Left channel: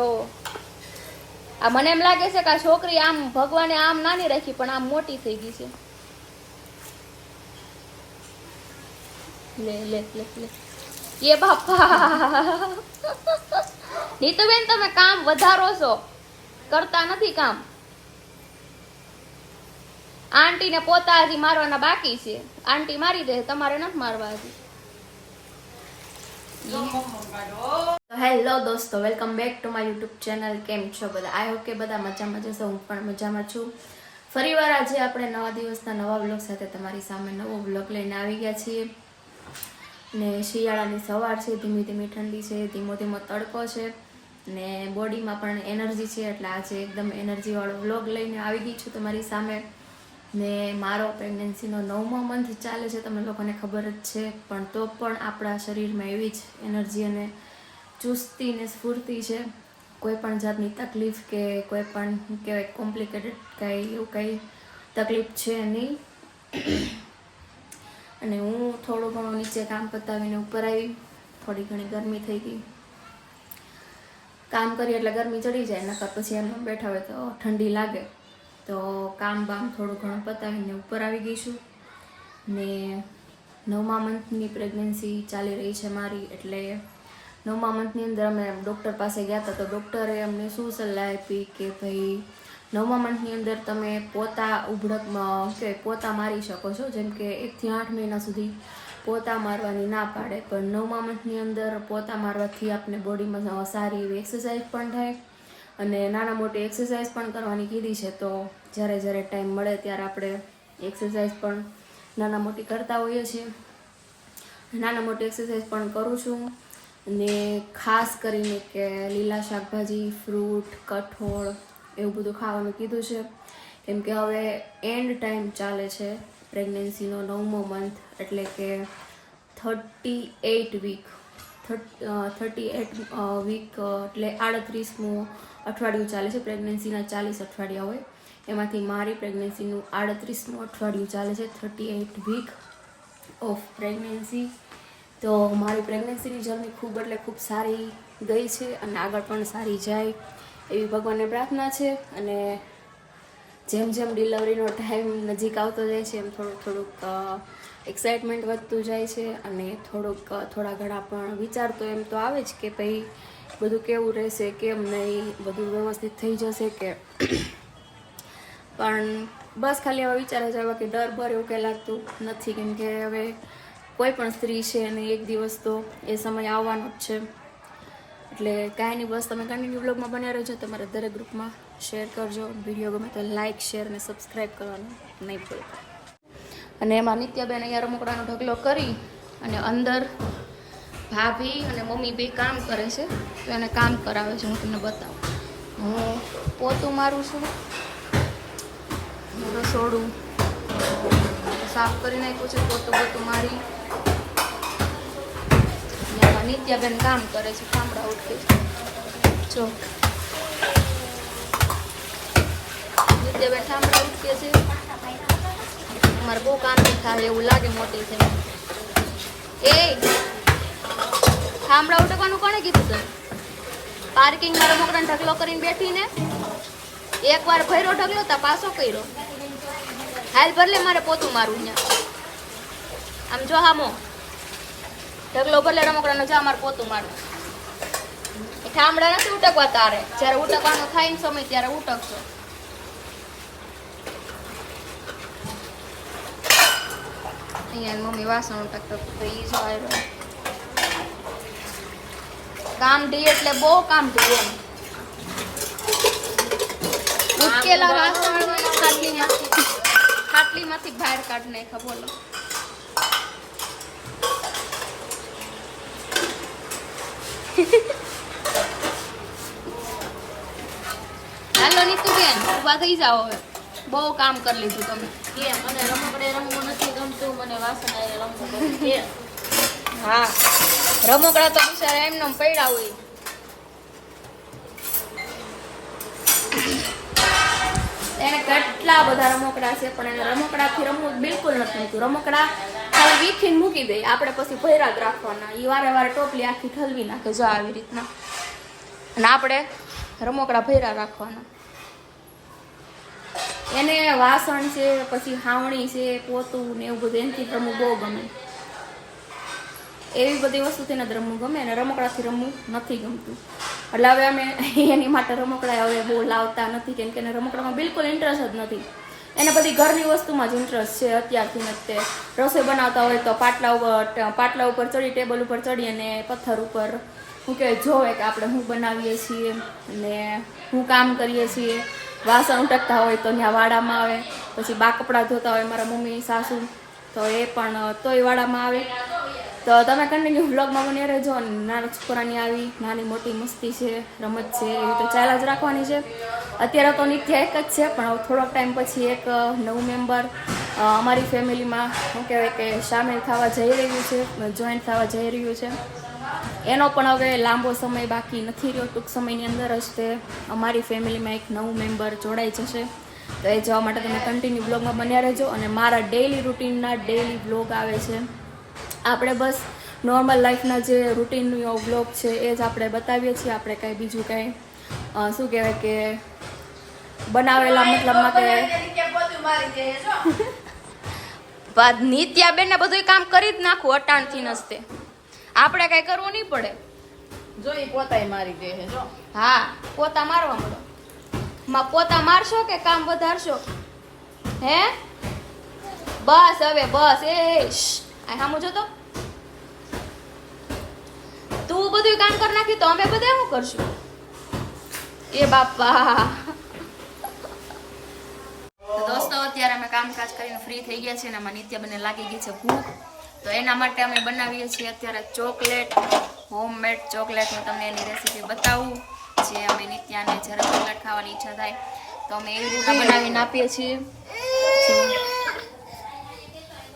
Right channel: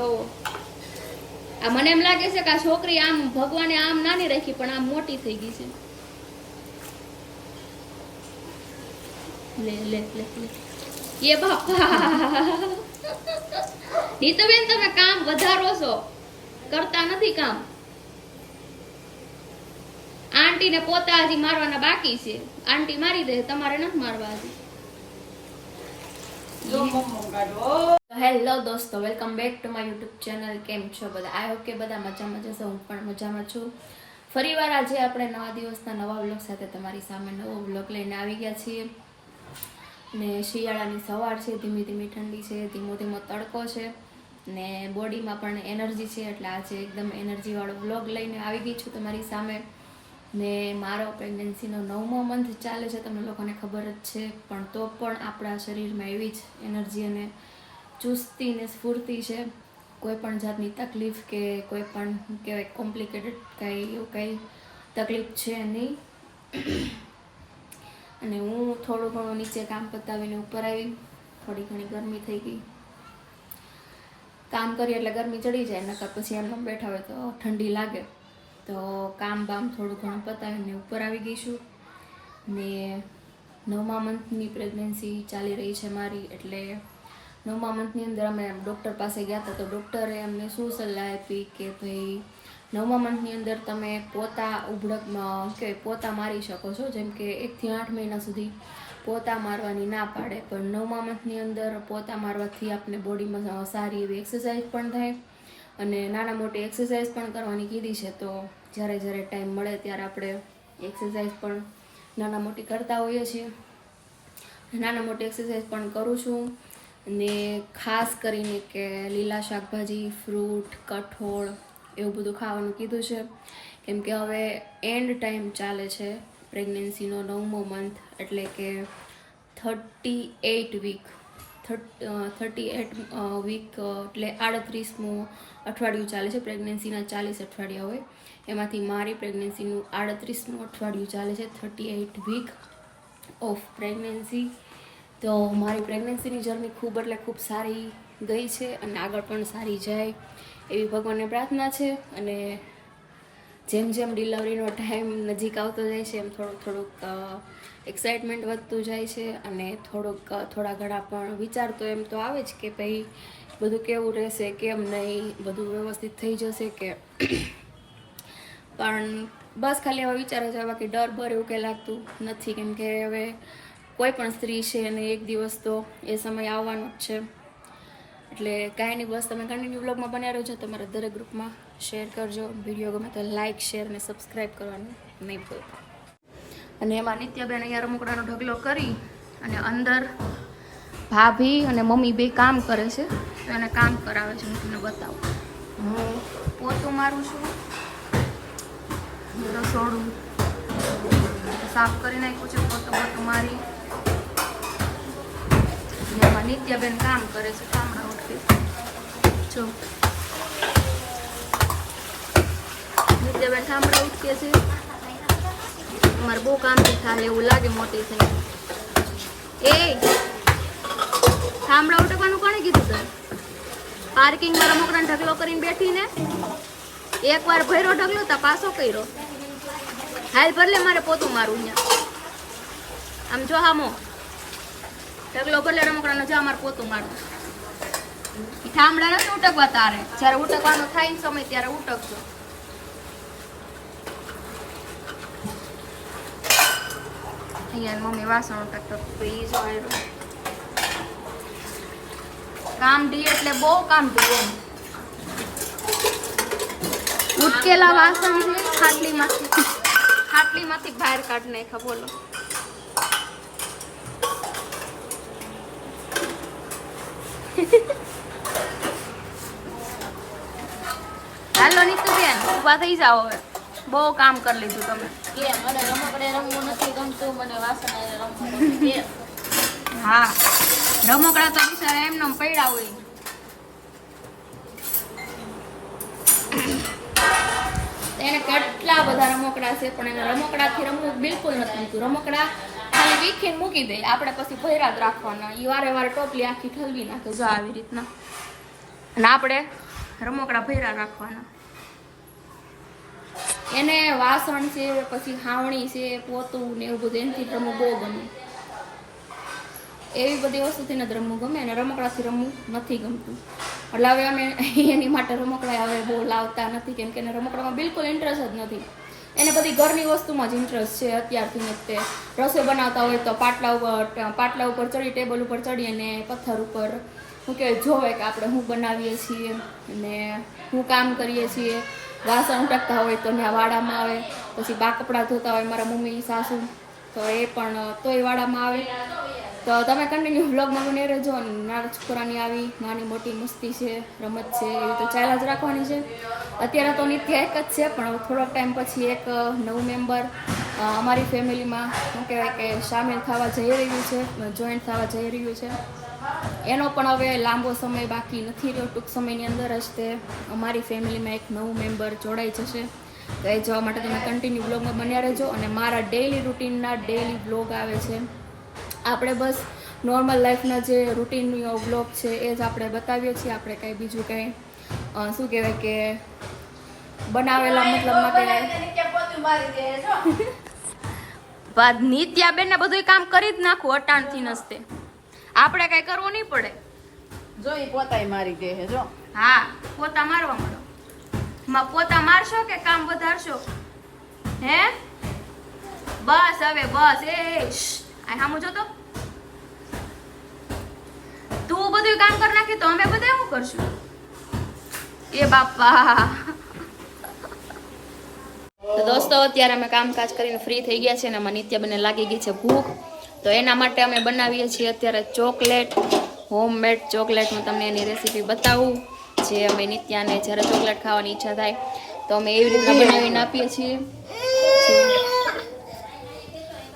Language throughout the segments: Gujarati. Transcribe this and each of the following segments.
જોવો આ મને એમ લાગે છે કે આ છોકરી આમ ભગવાને આમ નાની રાખી પણ આમ મોટી થઈ ગઈ છે. લે લે લે લે એ બાપા નીતુબેન તમે કામ વધારો છો, કરતા નથી કામ. આંટી ને પોતા હજી મારવાના બાકી છે. આંટી મારી દે, તમારે નથી મારવા હજી. હેલો દોસ્તો, welcome back to my YouTube channel. કેમ છો બધા? આઈ હોપ કે બધા મજામાં જશો. હું પણ મજામાં છું. ફરીવાર આજે આપણે નવા દિવસના નવા વ્લોગ સાથે તમારી સામે નવો વ્લોગ લઈને આવી ગયા છીએ. ને શિયાળાની સવાર છે, ધીમી ધીમી ઠંડી છે, ધીમો ધીમો તડકો છે ને બોડીમાં પણ એનર્જી છે. એટલે આજે એકદમ એનર્જીવાળો વ્લોગ લઈને આવી ગઈ છું તમારી સામે. ને મારો પ્રેગ્નન્સીનો 9મો મંથ ચાલે છે, તમને લોકોને ખબર જ છે. પણ તો પણ આપણા શરીરમાં એવી જ એનર્જી અને ચુસ્તી ને સ્ફૂર્તિ છે. કોઈ પણ જાતની તકલીફ કે કોઈ પણ કહેવાય કોમ્પ્લિકેટેડ કાંઈ એવું કાંઈ તકલીફ છે નહીં. અને હું થોડું ઘણું નીચે કામ પતાવીને ઉપર આવી. થોડી ઘણી ગરમી થઈ ગઈ, કામ કરીએ એટલે ગરમી ચડી જાય, નકર પછી એમ બેઠા હોય તો ઠંડી લાગે. તો કામ બામ થોડું ઘણું પતાવીને ઉપર આવી ગઈ છું. ને 9મા મંથની પ્રેગ્નન્સી ચાલી રહી છે મારી. એટલે 9મા મંથની અંદર અમે ડૉક્ટર પાસે ગયા હતા. તો ડૉક્ટરે અમને શું સલાહ આપી કે ભાઈ 9મા મંથની અંદર તમે પોતા ઉભડકમાં કે પોતા મારી શકો છો. જેમ કે 1 થી 8 મહિના સુધી પોતા મારવાની ના પાડે, પણ 9મા મંથની અંદર પોતા મારવાથી આપણે બોડીમાં સારી એવી એક્સરસાઇઝ પણ થાય અને નાના મોટી એક્સરસાઇઝ પણ કરવાની કીધી છે. તો જ્યારે જ્યારે ટાઈમ મળે ત્યારે આપણે એક્સરસાઇઝ પણ નાના મોટી કરતા હોઈએ છીએ. નાના મોટી એક્સરસાઇઝ પણ કરું છું. ને ખાસ કરીને કે લીલા શાકભાજી, ફ્રૂટ, કઠોળ એવું બધું ખાવાનું કીધું છે. કેમ કે હવે એન્ડ ટાઈમ ચાલે છે પ્રેગ્નન્સીનો 9મો મંથ. એટલે કે 38 વીક 38 વીક એટલે 38મું અઠવાડિયું ચાલે છે. પ્રેગ્નન્સીના 40 અઠવાડિયા હોય, એમાંથી મારી પ્રેગ્નન્સીનું 38મું અઠવાડિયું ચાલે છે. 38 વીક ઓફ પ્રેગ્નન્સી. તો મારી પ્રેગ્નન્સીની જર્ની ખૂબ એટલે ખૂબ સારી ગઈ છે અને આગળ પણ સારી જાય એવી ભગવાનને પ્રાર્થના છે. અને જેમ જેમ ડિલિવરીનો ટાઈમ નજીક આવતો જાય છે એમ થોડુંક એક્સાઇટમેન્ટ વધતું જાય છે. અને થોડા ઘણા પણ વિચાર તો એમ તો આવે જ કે ભાઈ બધું કેવું રહેશે, કેમ નહીં, બધું વ્યવસ્થિત થઈ જશે કે. પણ બસ ખાલી આવા વિચાર જ આવે, બાકી ડર બર એવું કંઈ લાગતું નથી. કેમ કે હવે કોઈ પણ સ્ત્રી છે અને એક દિવસ તો એ સમય આવવાનો જ છે. એટલે કાંઈ નહીં, બસ તમે કન્ટિન્યુ વ્લોગમાં બન્યા રહેજો. તમારા દરેક ગ્રુપમાં શેર કરજો. વિડીયો ગમે તો લાઇક, શેર અને સબસ્ક્રાઈબ કરવાનું નહીં ભૂલતા. અને એમાં નિત્યાબેન અહીંયા રમકડાનો ઢગલો કરી અને અંદર ભાભી અને મમ્મી બે કામ કરે છે. તો એને કામ કરાવે છે. હું તમને બતાવું. હું પોતું મારું છું, રસોડું સાફ કરી નાખ્યું છે, પોતું મારી. એમાં નિત્યાબેન કામ કરે છે, ઠામડા ઉઠે જો નિત્યાબેન ઠામડા ઉઠકે છે. અમારે બહુ કામ થાય એવું લાગે મોટી થઈને. એ ઠામડા ઉઠકવાનું કોણે કીધું તને? પાર્કિંગમાં રમકડાનો ઢગલો કરીને બેઠીને એકવાર ભર્યો ઢગલો તા પાછો કર્યો. હાલ ભરલે, મારે પોતું મારું અહીંયા. આમ જો હામો ઢગલો ભરલે રમકડાનો, જા મારે પોતું મારું. એ ઠામડા નથી ઉટકવા તારે. જ્યારે ઉટકવાનો થાય ને સમય ત્યારે ઉટકજો. અહીંયા મમ્મી વાસણ ઉટકતો તો એ જો આવ્યો. કામ ઢી એટલે બહુ કામ ઢી એમ. ઉટકેલા વાસણ ખાટલીમાંથી બહાર કાઢ નાખ્યા. બોલો હાલો નીતુબેન, ઉભા થઈ જાઓ હવે. બહુ કામ કરી લીધું તમે. મને રમકડે રમવું નથી ગમતું, મને વાસણ આવીને રમવું ગમે. હા, રમકડા તો બિચારા એમને પડ્યા હોય. એને કેટલા બધા રમકડા છે, પણ એને રમકડાથી રમવું બિલકુલ નથી ગમતું. રમકડા ખાલી વીખીને મૂકી દે, આપણે પછી ભર્યા જ રાખવાના. એ વારે વારે ટોપલી આખી ઠલવી નાખે જો આવી રીતના. અને આપણે રમકડા ભર્યા રાખવાના. એને વાસણ છે, પછી હાવણી છે, પોતું ને એવું બધું એનાથી રમવું બહુ ગમે. એવી બધી વસ્તુથી નથી રમવું ગમે, અને રમકડાથી રમવું નથી ગમતું. એટલે હવે અમે એની માટે રમકડા હવે બહુ લાવતા નથી, કેમ કે એને રમકડામાં બિલકુલ ઇન્ટરેસ્ટ જ નથી. એને બધી ઘરની વસ્તુમાં જ ઇન્ટરેસ્ટ છે અત્યારથી જ. તે રસોઈ બનાવતા હોય તો પાટલા ઉપર ચડી, ટેબલ ઉપર ચડી અને પથ્થર ઉપર શું કહેવાય જોવે કે આપણે શું બનાવીએ છીએ અને શું કામ કરીએ છીએ. વાસણ ઉટકતા હોય તો ત્યાં વાડામાં આવે. પછી બા કપડાં ધોતા હોય મારા મમ્મી સાસુ, તો એ પણ તોય વાડામાં આવે. તો તમે કન્ટિન્યુ વ્લોગમાં મને રહેજો. નાના છોકરાની આવી નાની મોટી મસ્તી છે, રમત છે, એવી તો ચાલ્યા જ રાખવાની છે. અત્યારે તો નિત્ય એક જ છે, પણ હવે થોડોક ટાઈમ પછી એક નવું મેમ્બર અમારી ફેમિલીમાં શું કહેવાય કે સામેલ થવા જઈ રહ્યું છે, જોઈન્ટ થવા જઈ રહ્યું છે. એનો પણ હવે લાંબો સમય બાકી નથી રહ્યો. ટૂંક સમયની અંદર જ તે અમારી ફેમિલીમાં એક નવું મેમ્બર જોડાઈ જશે. તો એ જોવા માટે તમે કન્ટિન્યુ બ્લોગમાં બન્યા રહેજો. અને મારા ડેઈલી રૂટીનના ડેઈલી બ્લોગ આવે છે. આપણે બસ નોર્મલ લાઈફના જે રૂટીનનો બ્લોગ છે એ જ આપણે બતાવીએ છીએ. આપણે કાંઈ બીજું કાંઈ શું કહેવાય કે બનાવેલા મતલબમાં કે નિત્યાબેન ને બધું કામ કરી જ નાખું અટાણથી નસ્તે. આપણે કાંઈ કરવું નહીં પડે. જો ઈ પોતાય મારી દે છે જો. હા, પોતા મારવા મળો. પોતા મારશો કે કામ વધારશો? હે બસ હવે બસ. આ સામું જો તો તું બધું કામ કરી નાખી તો અમે બધા શું કરશું? એ બાપા. તો દોસ્તો અત્યારે અમે કામકાજ કરીને ફ્રી થઈ ગયા છે અને અમારા નિત્યાબેનને લાગી ગઈ છે ભૂખ. તો એના માટે અમે બનાવીએ છીએ અત્યારે ચોકલેટ, હોમમેડ ચોકલેટ. હું તમને એની રેસીપી બતાવું. જે અમે નિત્યાને જ્યારે ચોકલેટ ખાવાની ઈચ્છા થાય તો અમે એવી રીતના બનાવીને આપીએ છીએ.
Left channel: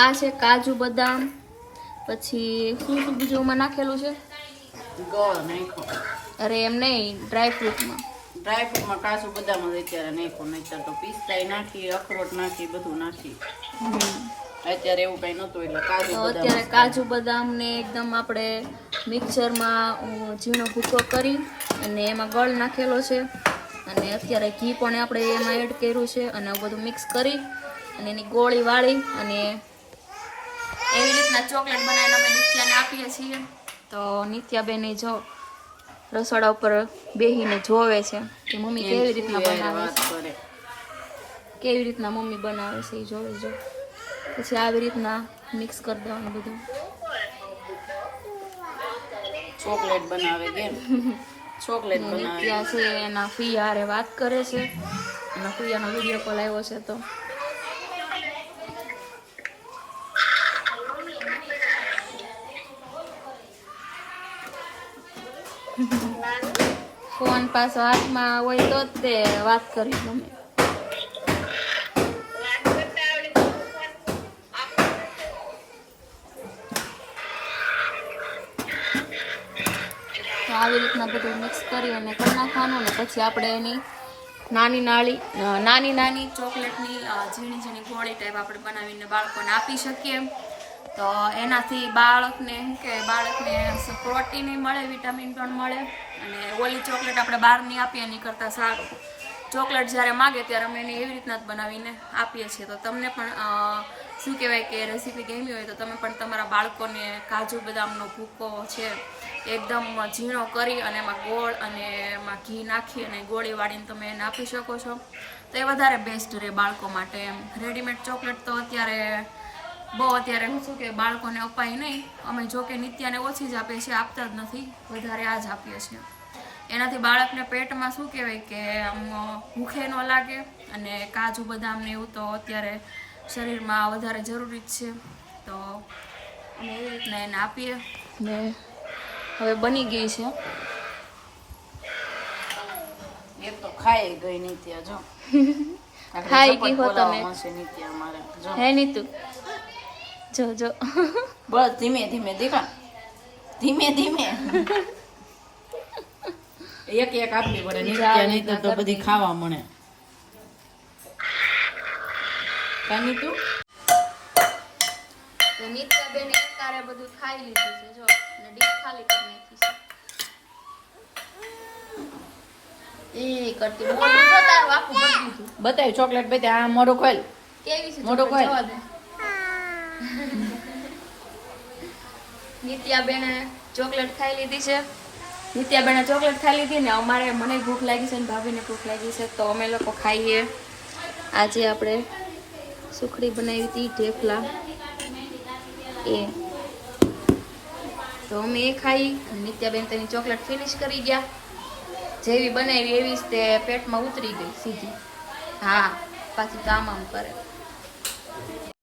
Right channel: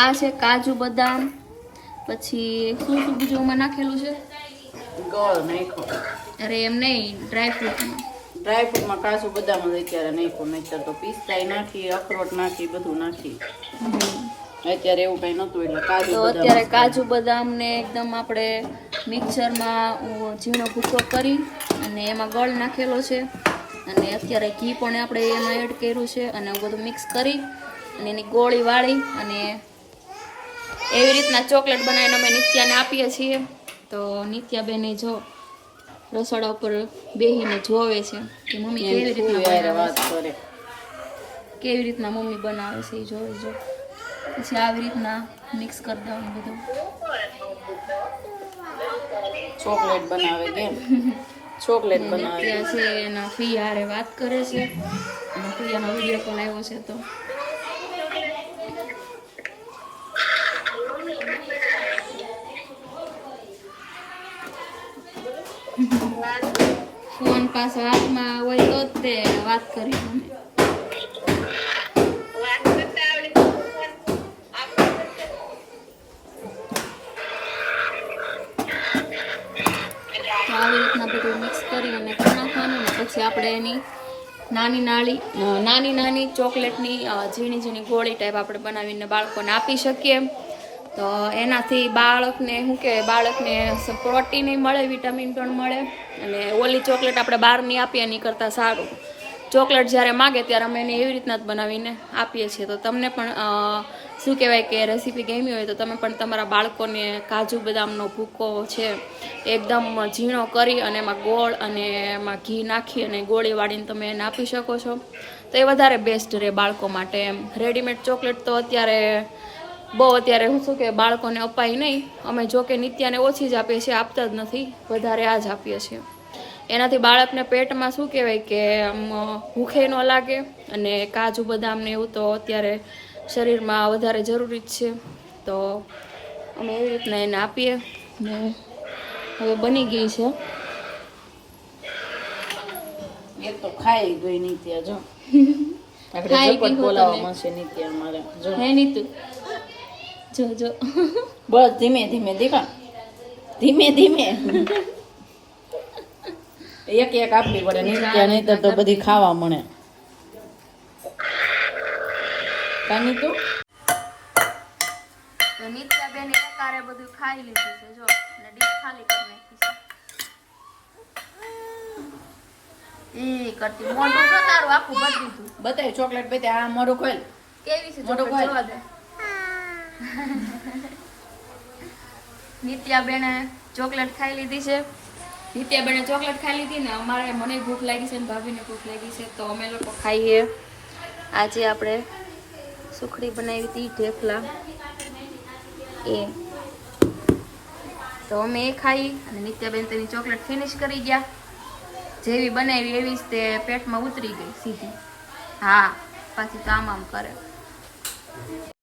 આ છે કાજુ બદામ, પછી શું શું બીજું એમાં નાખેલું છે? ગોળ નાખો. અરે એમ નહીં, ડ્રાયફ્રૂટમાં. ડ્રાયફ્રૂટમાં કાજુ બદામ જ અત્યારે નાખો, નહીતર તો પિસ્તાઈ નાખી, અખરોટ નાખી, બધું નાખી. અત્યારે એવું કઈ નતું એટલે કાજુ તો બદામ. અત્યારે કાજુ બદામ ને એકદમ આપણે મિક્સરમાં ઝીણો ભૂકો કરી અને એમાં ગળ નાખેલો છે. અને અત્યારે ઘી પણ આપણે એમાં એડ કર્યું છે. અને બધું મિક્સ કરી અને એની ગોળી વાળી અને એવી રીતના ચોકલેટ બનાવીને અમે નિત્યાને આપીએ છીએ. તો નિત્યાબેને જો રસોડા ઉપર બેહીને જોવે છે કે મમ્મી કેવી રીતના બનાવે છે, કેવી રીતના મમ્મી બનાવે છે એ જોવે. જો પછી આવી રીતના મિક્સ કરી દેવાનું બધું. ચોકલેટ બનાવે છે. ચોકલેટ બનાવે નિત્યા છે એના ફિયારે વાત કરે છે. એના ફિયાનો વિડીયો કોલ આવ્યો છે. તો ફોન પાછો હાથમાં હોય તો જ તે વાત કરી તમે. તો આવી રીતના બધું મિક્સ કરી અને કરી નાખવાનું. અને પછી આપણે એની નાની નાની ચોકલેટની ઝીણી ઝીણી ગોળી ટાઈપ આપણે બનાવીને બાળકોને આપી શકીએ. તો એનાથી બાળકને શું કહેવાય, બાળકને પ્રોટીન મળે, વિટામિન પણ મળે. અને ઓલી ચોકલેટ આપણે બહારની આપીએ એની કરતાં સારું. ચોકલેટ જ્યારે માગે ત્યારે અમે એને એવી રીતના જ બનાવીને આપીએ છીએ. તો તમને પણ શું કહેવાય કે રેસીપી ગમી હોય તો તમે પણ તમારા બાળકોને કાજુ બદામનો ભૂકો છે એકદમ ઝીણો કરી અને એમાં ગોળ અને એમાં ઘી નાખી અને ગોળી વાળીને તમે એને આપી શકો છો. તો એ વધારે બેસ્ટ રહે બાળકો માટે. એમ રેડીમેડ ચોકલેટ તો અત્યારે હું શું કે બાળકોને અપાય નહીં. અમે જોકે નિત્યાને ઓછી જ આપીએ છીએ, આપતા જ નથી, વધારે આ જ આપીએ છીએ. એનાથી બાળકને પેટમાં શું કહેવાય કે ભૂખે ન લાગે. અને કાજુ બદામ ને એવું તો અત્યારે શરીરમાં વધારે જરૂરી જ છે. તો અમે એવી રીતના એને આપીએ. ને હવે બની ગઈ છે. એ તો ખાઈ ગઈ નિત્યા જો. ખાઈ ગઈ હો તમે. નિત્યા અમારે જો. હે નીતુ જો બસ ધીમે ધીમે દીકા, ધીમે ધીમે એક એક આપવી પડે. નિત્યા નહીતર તો બધી ખાવા મળે. કાની તું તો નિત્યાબેન એકારે બધું ખાઈ લીધું છે. જો અને ડીશ ખાલી કરી નાખી છે. ઈ કરતી મોઢું જો તારું આખું ભરી દીધું. બતાય ચોકલેટ બતાય આ મોઢું ખોલ કેવી છે મોઢું ચોકલેટ ખોલ. જોવા દે. નિત્યાબેને ચોકલેટ ખાઈ લીધી છે. નિત્યાબેને ચોકલેટ ખાઈ લીધી ને અમારે મને ભૂખ લાગી છે ને ભાભીને ભૂખ લાગી છે તો અમે લોકો ખાઈએ. આજે આપણે સુખડી બનાવી હતી ઢેફલા એ તો અમે એ ખાઈ અને નિત્યાબેન તેની ચોકલેટ ફિનિશ કરી ગયા. જેવી બનાવી એવી જ તે પેટમાં ઉતરી ગઈ સીધી. હા પાછી કામ આમ કરે.